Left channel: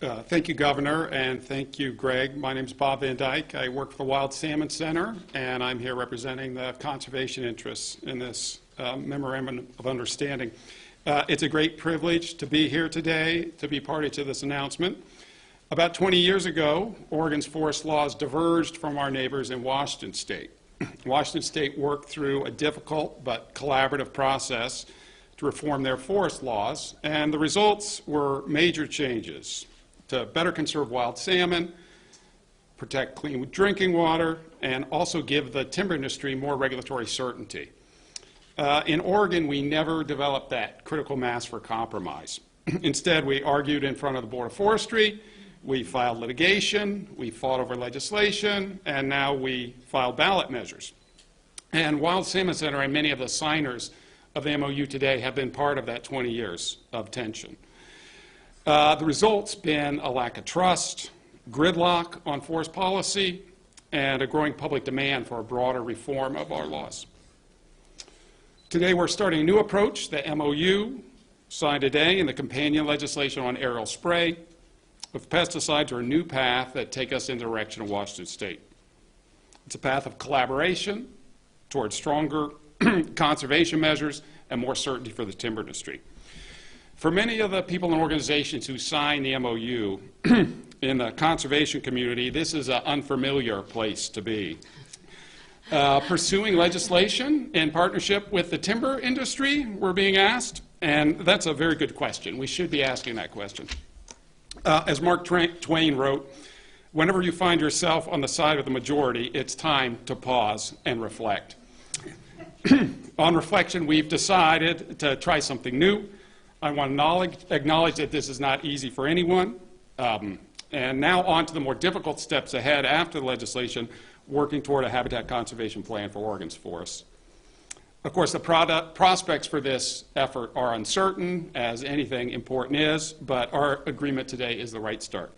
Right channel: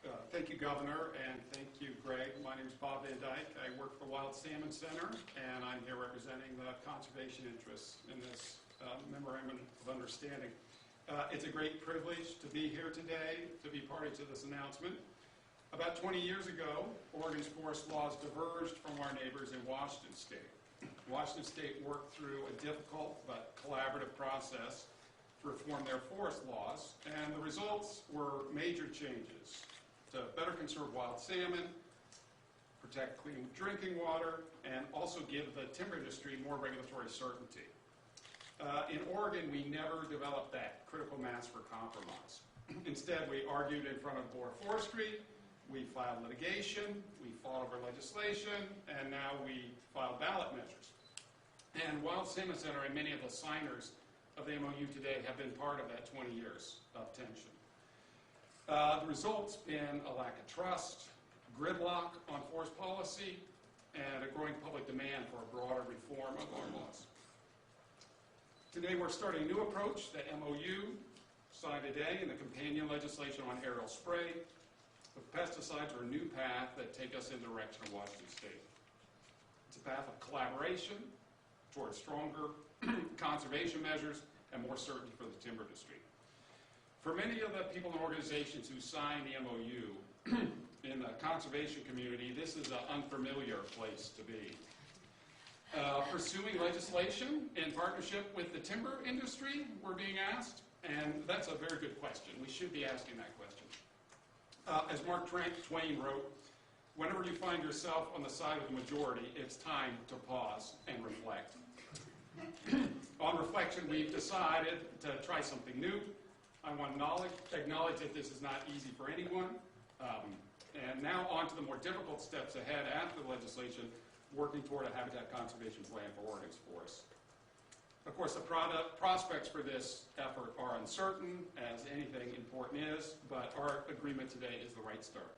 Thank you, Governor, and thank you, Greg. My name is Bob Van Dyke. I work for the Wild Salmon Center, and I'm here representing the conservation interests in this Memorandum of Understanding. It's a great privilege to be here today to be party to this announcement. About 20 years ago, Oregon's forest laws diverged from our neighbors in Washington State. Washington State worked through a difficult but collaborative process to reform their forest laws, and the results were major changes to better conserve wild salmon, protect clean drinking water, and also give the timber industry more regulatory certainty. In Oregon, we never developed that critical mass for compromise. Instead, we argued in front of the Board of Forestry, we filed litigation, we fought over legislation, and now we file ballot measures. And Wild Salmon Center and many of the signers of the MOU today have been part of that 20 years of tension. The result's been a lack of trust, gridlock on forest policy, and a growing public demand for a broader reform of our laws. Today we're starting a new approach. The MOU signed today and the companion legislation on aerial spray with pesticides are a new path that take us in the direction of Washington State. It's a path of collaboration towards stronger conservation measures and more certainty for the timber industry. For many of the people and organizations who signed the MOU in the conservation community, this is an unfamiliar place to be. Pursuing legislation in partnership with the timber industry, we're being asked, and that's a very good question. We should be asking that question. As Mark Twain wrote, whenever you find yourself on the side of the majority, it's time to pause and reflect. On reflection, we've decided to try something new. I want to acknowledge that this is not easy for anyone. And now on to the more difficult steps ahead after the legislation, working toward a habitat conservation plan for Oregon's forests. Of course, the prospects for this effort are uncertain, as anything important is, but our agreement today is the right start.